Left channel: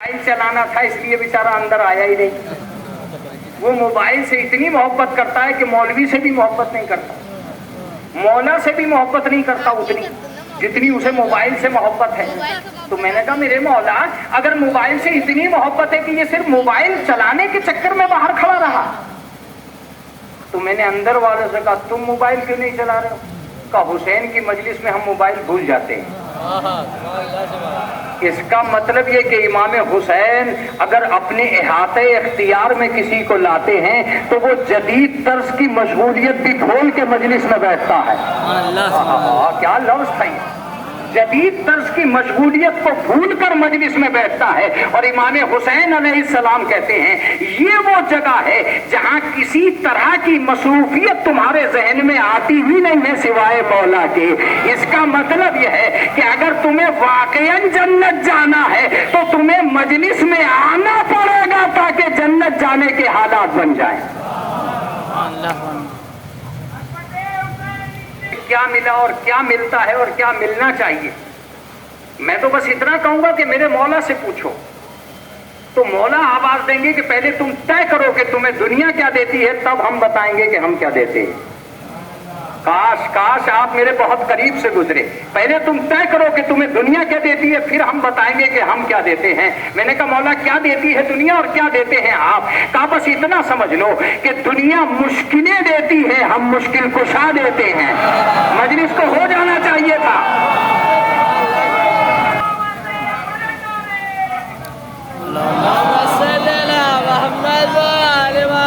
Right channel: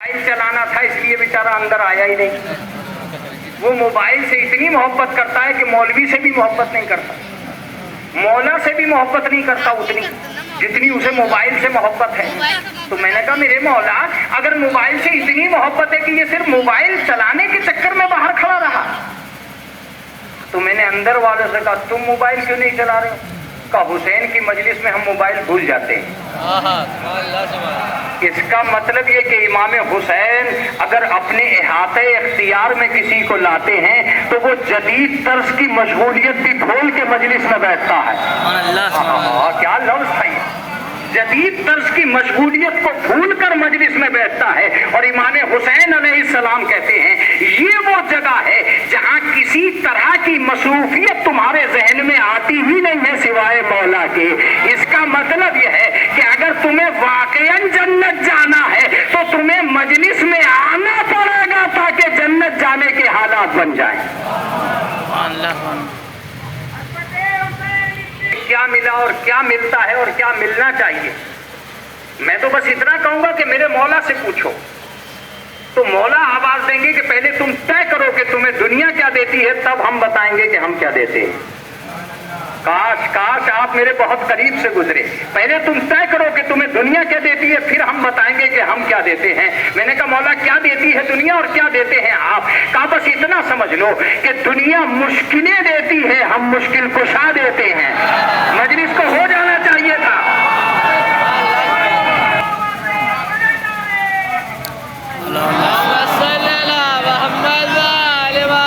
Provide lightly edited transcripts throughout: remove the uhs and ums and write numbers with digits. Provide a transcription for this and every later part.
Mobile چلانا تھا اس لیے بیچارہ اندر آیا ہی نہیں. وہ موبائل سے اتنی محبت کرتا ہے کہ مولوی سے بھی محبت نہیں کرتا, مولا سے بھی محبت نہیں کرتا اتنی جتنی اسے موبائل سے محبت ہے. تو میں نے کہا میرے مولا اگر موبائل سے اتنی محبت ہے کہ یہ صرف موبائل چلانے کے چکر میں باہر کھڑا رہا, تو میں نے اندر والوں سے کہا تم موبائل کیوں نہیں چلا رہے ہو؟ کہا حسین کی مجلس میں ہم موبائل بھول جاتے ہیں. اس کا مطلب یہ کہ امام حسین اگر اپنے احاطے اختیار میں کسی کو لاتے ہیں تو وہ جدید طرز کی مشغولیت بھی بھول کے مجلس میں بیٹھتا ہے. کیا لفظ تھا یہ, جدید طرز کی مشغولیت کو بھول کر مجلس میں بیٹھتا ہے. اور امام حسین علیہ السلام کہتے ہیں یہ وہ جگہ ہے جہاں کسی طرح کی مصروفیت تمہارے ذہن میں آتی ہی نہیں ہے سوائے مولا کے. اس کا مطلب یہ ہے کہ اگر تمہیں واقعاً جنت جانا ہے تو تمہیں مجلس میں آنا پڑے گا تاکہ جنت جانے کے حالات بن جائیں. کیا ملا اور کیا ملتا ہے اور کیا ملنا چاہیے, میں تو بس اتنا کہوں گا کہ میرے مولا سے پوچھو. تو مولا آواز دیں گے کہ پہلے تم طے کرو کہ تمہیں دنیا کیا دیتی ہے, تب ہم بتائیں گے کہ ہم کیا دیتے ہیں. کاش آپ میرے بہت قریب سے گزرے. پہلے تم طے کرو کہ تمہیں دنیا کیا دیتی ہے, پھر ہم بتائیں گے کہ ہم کیا دیتے ہیں. میں نے کہا مولا کیا دیتی ہے دنیا اور کیا دیتے ہیں آپ؟ کہا بس اتنا سمجھ لو کہ دنیا مشکلیں دیتی ہے, ہم مشکل کشا دیتے ہیں. مجلس کو ہو جانا چاہیے تھا.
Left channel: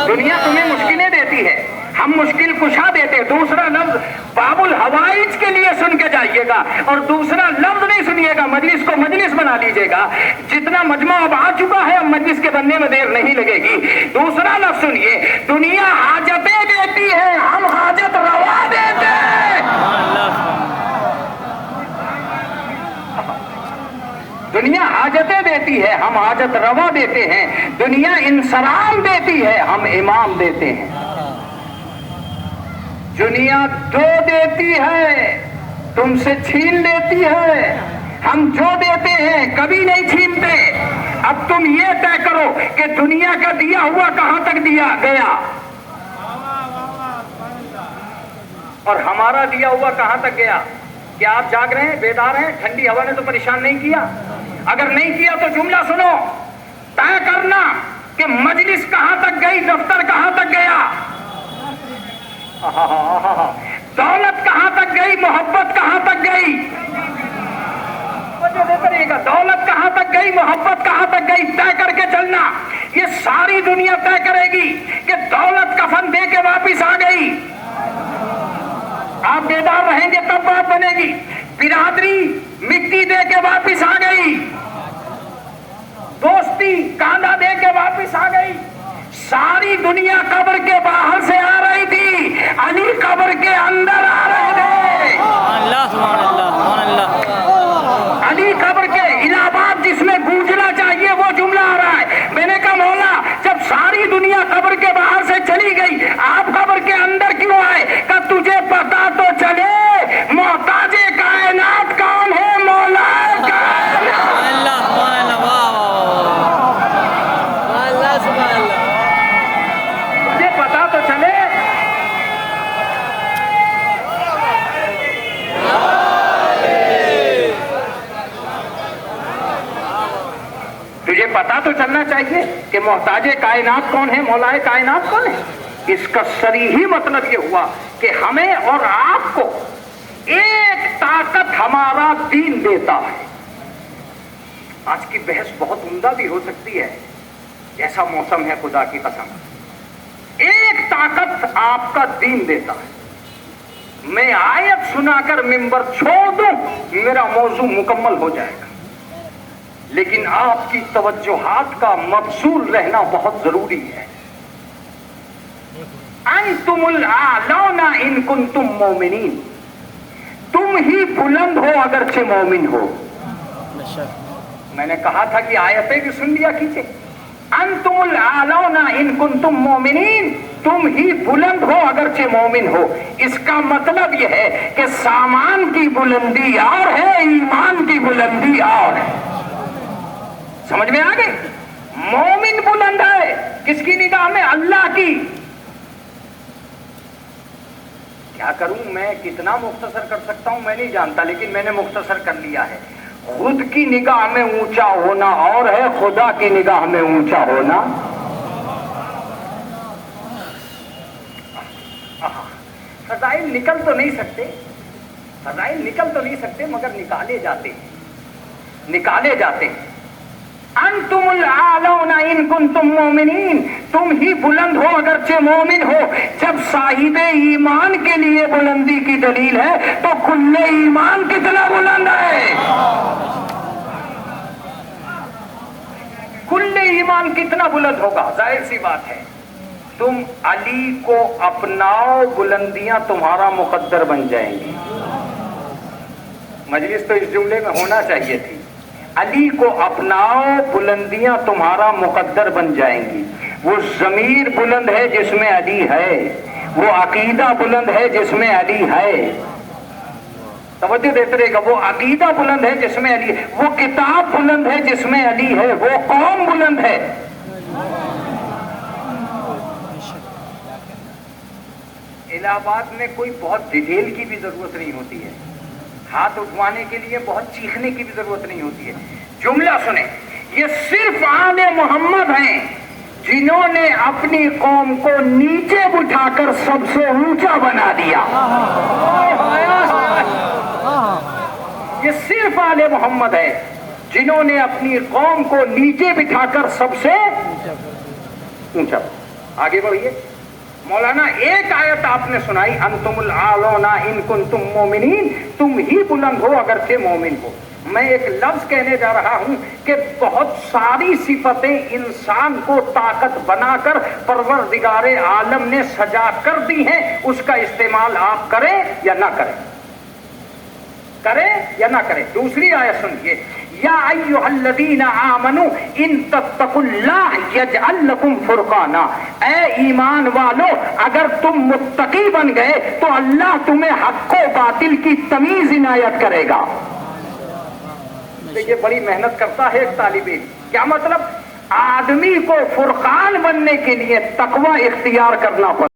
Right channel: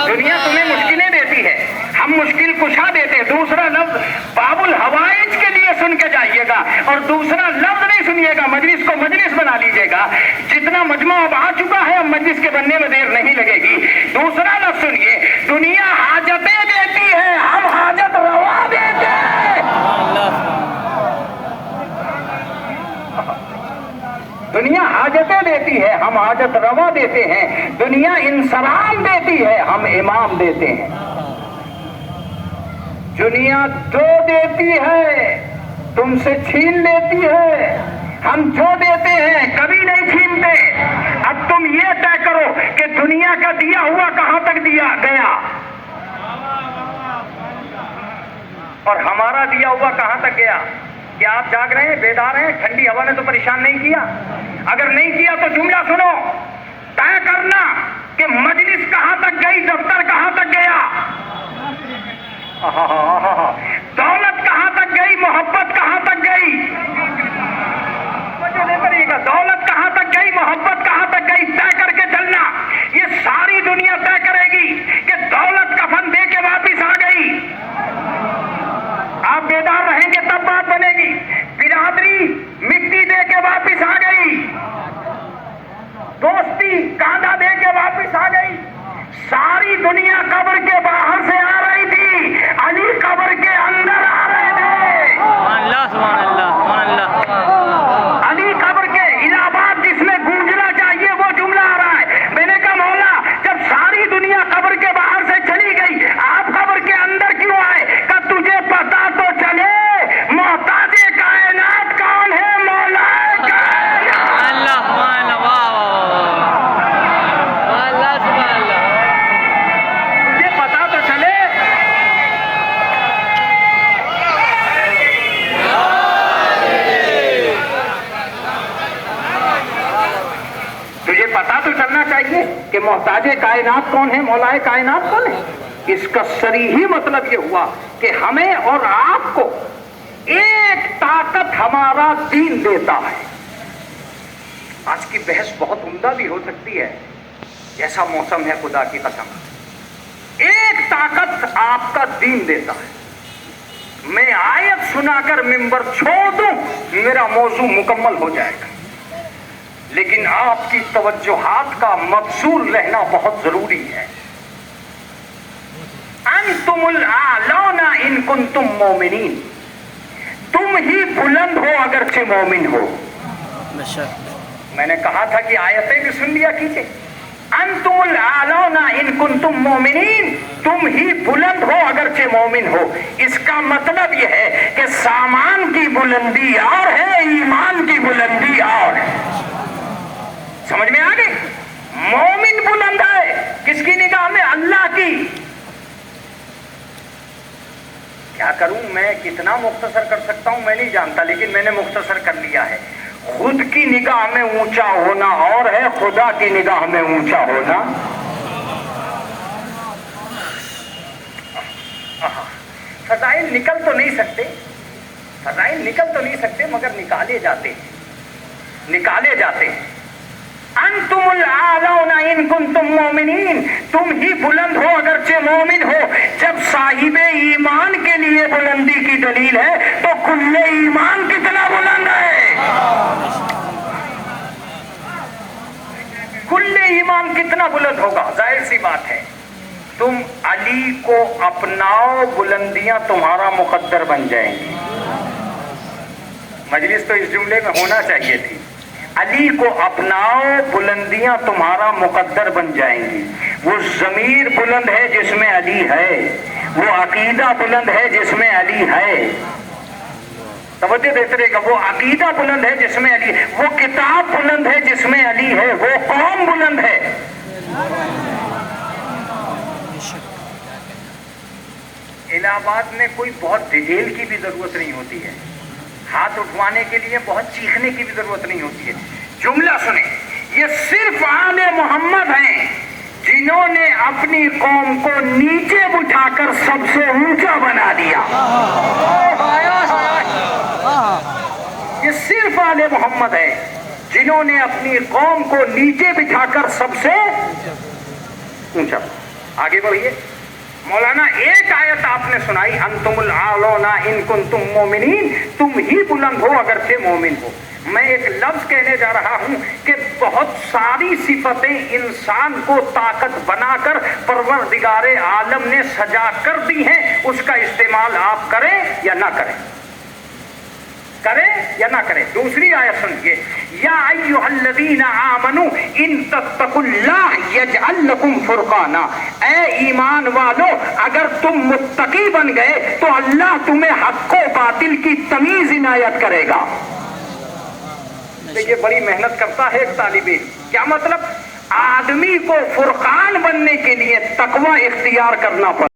دنیا تمہیں مشکلیں دیتی ہے, ہم مشکل کشا دیتے ہیں. دوسرا لفظ باب الحوائج کے لیے سن کے جائیے گا اور دوسرا لفظ نہیں سنیے گا. مجلس کو مجلس بنا لیجیے گا. جتنا مجمع اب آ چکا ہے اب مجلس کے بننے میں دیر نہیں لگے گی. دوسرا لفظ سنیے, دنیا حاجتیں دیتی ہے, ہم حاجت روا دیتے ہیں. دنیا حاجتیں دیتی ہے, ہم حاجت روا دیتے ہیں. دنیا انسلام دیتی ہے, ہم امام دیتے ہیں. دنیا جو دیتی ہے تم سے چھین لیتی ہے, ہم جو دیتے ہیں کبھی نہیں چھینتے. اب تم یہ طے کرو کہ دنیا کا دیا ہوا کہاں تک دیا گیا اور ہمارا دیا ہوا کہاں تک گیا. کیا آپ جاگ رہے ہیں, بیدار ہیں؟ ٹھنڈی ہوا نے تو پریشان نہیں کیا؟ اگر نہیں کیا تو جملہ سنو, طے کرنا کہ مجلس کہاں تک گئی, دفتر کہاں تک گیا, دولت کہاں تک گئی, محبت کہاں تک گئی. دولت کہاں تک گئی, محبت کہاں تک گئی, طے کر کے چلنا. یہ ساری دنیا طے کرے گی کہ دولت کفن دے کے واپس آ گئی. آپ بیدار رہیں گے تب بات بنے گی. برادری مٹی دے کے واپس آ گئی, دوستی کاندا دے کے واپس آ گئی. ساری دنیا قبر کے باہر سے آ رہی تھی, علی قبر کے اندر آ رہے تھے. سبحان اللہ. علی قبر کے الہ آباد جس میں گونجنا چاہیے وہ جملہ آ رہا ہے. میں نے کہا مولا جب ساری دنیا قبر کے باہر سے چلی گئی آپ قبر کے اندر کیوں آئے؟ کہ تجھے پتا تو چلے محتاج کائنات کون ہے, مولا پتا تو چلنا چاہیے کہ محتاج کائنات کون ہے, مولا کائنات کون ہے. اس کا صریحی مطلب یہ ہوا کہ ہمیں اور آپ کو ایک طاقت ہمارا دین دیتا ہے. آج کی بحث بہت عمدہ بھی ہو سکتی ہے, جیسا موسم ہے خدا کی قسم. ایک طاقت آپ کا دین دیتا ہے. میں آیت سنا کر منبر چھوڑ دوں میرا موضوع مکمل ہو جائے گا, لیکن آپ کی توجہات کا مبذول رہنا بہت ضروری ہے. انتم الاعلون ان کنتم مومنین, تم ہی بلند ہو اگرچہ مومن ہو. میں نے کہا تھا کہ آیتیں بھی سن لیا کیجئے. انتم الاعلون ان کنتم مومنین, تم ہی بلند ہو اگرچہ مومن ہو. اس کا مطلب یہ ہے کہ سامان کی بلندی اور ہے, ایمان کی بلندی اور ہے. سمجھ میں آ گئی؟ مومن بلند ہے کس کی نگاہ میں؟ اللہ کی. کیا کروں میں، کتنا مختصر کر سکتا ہوں میں نہیں جانتا، لیکن میں نے مختصر کر لیا ہے. خود کی نگاہ میں اونچا ہونا اور ہے، خدا کی نگاہ میں اونچا ہونا. فضائل نکل تو نہیں سکتے، فضائل نکل تو نہیں سکتے، مگر نکالے جاتے ہیں، نکالے جاتے ہیں. انتم الاعلون ان کنتم مومنین، تم ہی بلند ہو اگرچہ مومن ہو. جب صاحب ایمان کے لیے بلندی کی دلیل ہے تو کل ایمان کتنا بلند ہے، کل ایمان کتنا بلند ہوگا. ظاہر سی بات ہے، تم علی کو اپناؤ، بلندیاں تمہارا مقدر بن جائیں گی. مجلس تو اس جملے میں ہونا چاہیے تھی. علی کو اپناؤ، بلندیاں تمہارا مقدر بن جائیں گی. وہ ضمیر بلند ہے جس میں علی ہے، وہ عقیدہ بلند ہے جس میں علی ہے. توجہ دیتے رہے گا. وہ عقیدہ بلند ہے جس میں علی ہے، وہ کتاب بلند ہے جس میں علی ہے، وہ قوم بلند ہے. الہ آباد میں کوئی بہت ڈیٹیل کی بھی ضرورت نہیں ہوتی ہے، ہاتھ اٹھوانے کے لیے بہت چیخنے کی بھی ضرورت نہیں ہوتی ہے. جملہ سنیں، یہ صرف آل محمد ہیں جنہوں نے اپنی قوم کو نیچے بٹھا کر سب سے اونچا بنا دیا. یہ صرف آل محمد ہے جنہوں نے اپنی قوم کو نیچے بٹھا کر سب سے اونچا. آگے بڑھیے. مولانا ایک آیت آپ نے سنائی، انتم الاعلون ان کنتم مومنین، تم ہی بلند ہو اگرچہ مومن ہو. میں ایک لفظ کہنے جا رہا ہوں کہ بہت ساری صفتیں انسان کو طاقت بنا کر پروردگار عالم نے سجا کر دی ہیں. اس کا استعمال آپ کریں یا نہ کریں، کریں یا نہ کریں. دوسری آیت سنیے، یا ایھا الذین آمنوا ان تتقوا اللہ یجعل لکم فرقانا. اے ایمان والو، اگر تم متقی بن گئے تو اللہ تمہیں حق و باطل کی تمیز عنایت کرے گا. دیکھیے بڑی محنت کرتا ہے ایک طالب علم. کیا مطلب؟ آدمی کو فرقان بننے کے لیے تقوی اختیار کرنا پڑتا